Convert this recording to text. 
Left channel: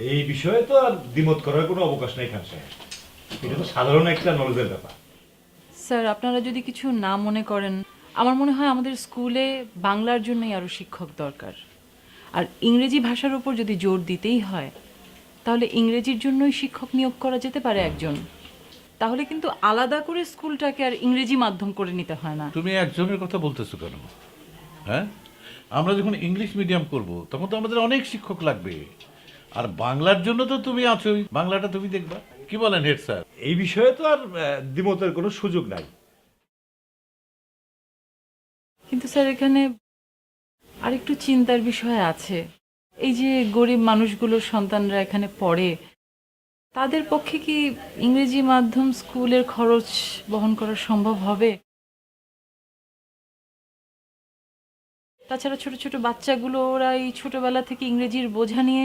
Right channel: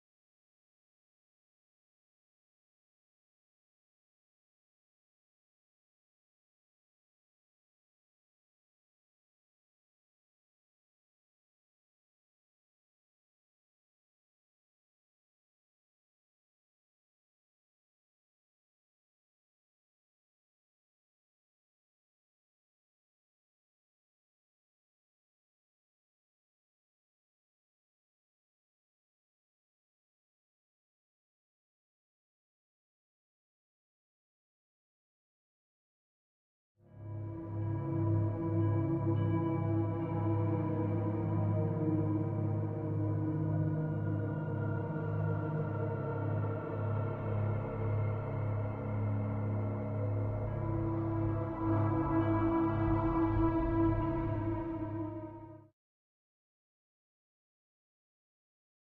এই বিষয়ে তো আর দ্বিমত করার কোনো অবকাশ নেই খান সাহেব। এটা তো সাধারণ একটা নলেজের ব্যাপার। স্যার আপনারা যদি কিছু না মনে করেন আমার মনে হয় আমাদের স্কুলে বাংলার জন্যই আরও শিক্ষক দরকার। আর ইংরেজি ভাষার উপর যদি জোর দিতেই হয় তাহলে ইংরেজির জন্যই শিক্ষক নিয়োগ করা যেতে পারে একজন। তাহলে কিন্তু আলাদা করে স্কুলটাকে আর ইংরেজি মাধ্যম করে নিতে হয় না। তুমি একজনের কথা বলতেছো কেন? হ্যাঁ? আমরা যখন ইংলিশ মিডিয়াম করব তখন তো আমাদের অনেক শিক্ষক লাগবে। আর বাংলার জন্য তো তুমি আছোই। বাংলাটা তুমি দেখবা। কি বলেন হেড স্যার? এই বিষয়ে তো আর দ্বিমতের কোনো সুযোগ নাই। কিন্তু স্যার এখানে আরেকটু চিন্তার বিষয় আছে। এই যে গরিব মানুষগুলোর সন্তানরা এখানে পড়ে তাদের পক্ষে কি ইংরেজি মাধ্যম স্কুলের খরচ বহন করা সম্ভব হবে? তাছাড়া ছোট ছোট বাচ্চাগুলো ওরা এই ছোটবেলা থেকে ইংরেজির বোঝা নিয়ে